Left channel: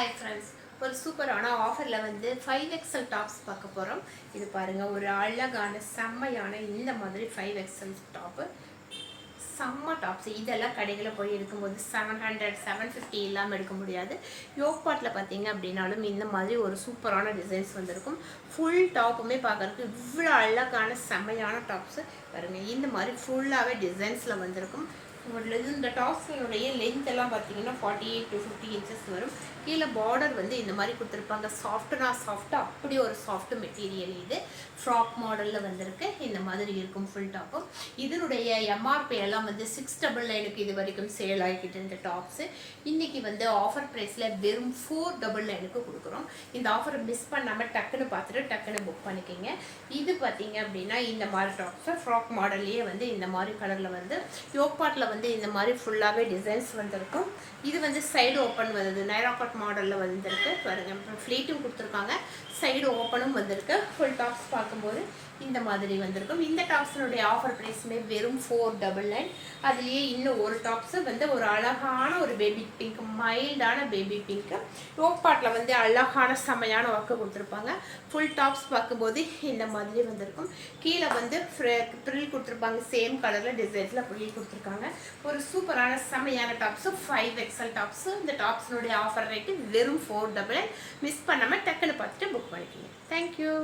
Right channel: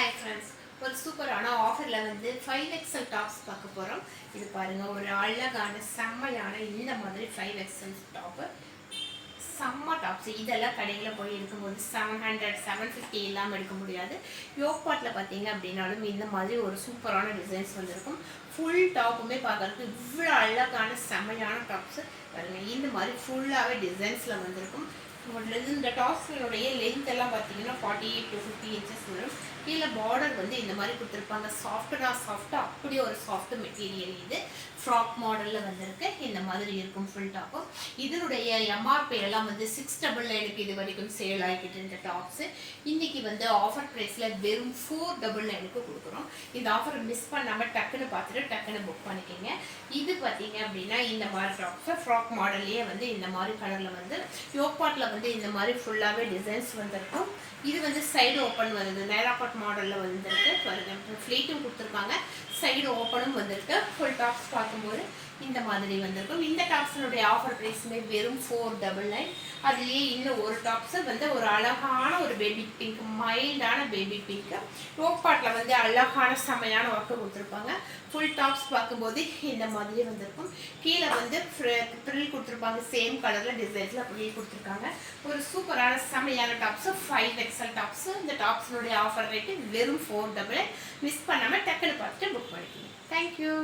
Hi friends, ஒரு சூப்பரான ஆஃபரில் வந்து 5XL டாப்ஸ் பார்க்க போகிறோம். இது பாருங்கள், ஒரு அழகான செம்மையான இந்த மாதிரி 5XL டாப்பு, செம்ம டாப்ஸ். இதெல்லாம் கடைகளில் போய் எடுக்கும்போது 700 750 இல்லாமல் எடுக்க முடியாது. யோக்பாட்டில் பார்த்தீங்க அப்படின்னாலும் இந்த மாதிரி ஒரு சூப்பரான டிசைன்ஸ் வந்திருக்கும். ஃபுல் டாப்புமே பார்க்குறதுக்கு இவ்வளோ அழகான செம்மையான டாப்ஸு பாருங்கள். இந்த மாதிரி ஃபுல்லாகவே டிசைன்ஸில் வந்திருக்கும். இந்த டாப்ஸினுடைய லென்த் எல்லாம் பார்த்தீங்கன்னா 48 to 50 inches வரும். இதில் பார்டர் வந்து இந்த மாதிரி கொடுத்துருப்பாங்க. சாஃப்டாக அப்படி ஒரு சாஃப்ட் மெட்டீரியல். இது ஃப்ராக் மாடலில் வந்திருக்கு. இந்த மாதிரி இருக்கும் ஃபுல் டாப்பும். இதனுடைய எம்ஆர்பி எல்லாம் வந்து 699 இது வரைக்கும் சேல் ஆகிக்கிட்டு இந்த டாப்ஸு. இன்றைக்கி வந்து ஆஃபர் ப்ரைஸில் வெறும் 499 கொடுக்குறோம். இந்த ஆஃபரை மிஸ் பண்ணாமல் டக்குன்னு பார்த்துட்டு டக்குன்னு புக் பண்ணிக்கிங்க. இது பார்த்தீங்க அப்படின்னா இந்த மாதிரி டாப்ஸை ஃப்ராக் மாடல்லையே வந்து இந்த மாதிரி கலரில் வந்து யோக்பாட்டில் வந்து இந்த மாதிரி ஃபுல்லாகவே டிசைன்ஸ் வந்திருக்கும். இது வந்து சைடு ஓப்பன் வருது, நைரா கட் மாடலில் வந்திருக்கு பாருங்க. அப்புறம் ஃப்ளீட்டும் கொடுத்துருக்காங்க, சைடு ஓப்பனும் வந்திருக்கு. ஃபுல் டாப்ஸ் பார்க்கும்போது இந்த மாதிரி வந்திருக்கும். இந்த டாப்ஸினுடைய ஆஃபர் ப்ரைஸுமே வெறும் 499. அதுலேயே இன்னும் ஒரு டாப்ஸு வந்து ஒரு அழகான ஒரு பேபி பிங்க், மைல்டான பேபி பிங்க்கு. யோக்பாட்டில் வந்து அழகான செம்மையான ஒர்க்கு கொடுத்துருப்பாங்க. ஃபுல் டாப்ஸ் பார்க்கும்போது இந்த மாதிரி வந்திருக்கும். கீழே வந்து ப்ரில் கொடுத்துருப்பாங்க, சேம் கலரில் டிசைன்ஸில் ப்ரில் கொடுத்துருக்காங்க. ஒரு சூப்பரான செம்மையான டாப்ஸு 5XL டாப்ஸு. இந்த டாப்ஸினுடைய ஆஃபர் ரேட்டு வெறும் 499. மிஸ் பண்ணாமல் டக்குன்னு பார்த்துட்டு புக் பண்ணிக்கோங்க. தேங்க்யூ.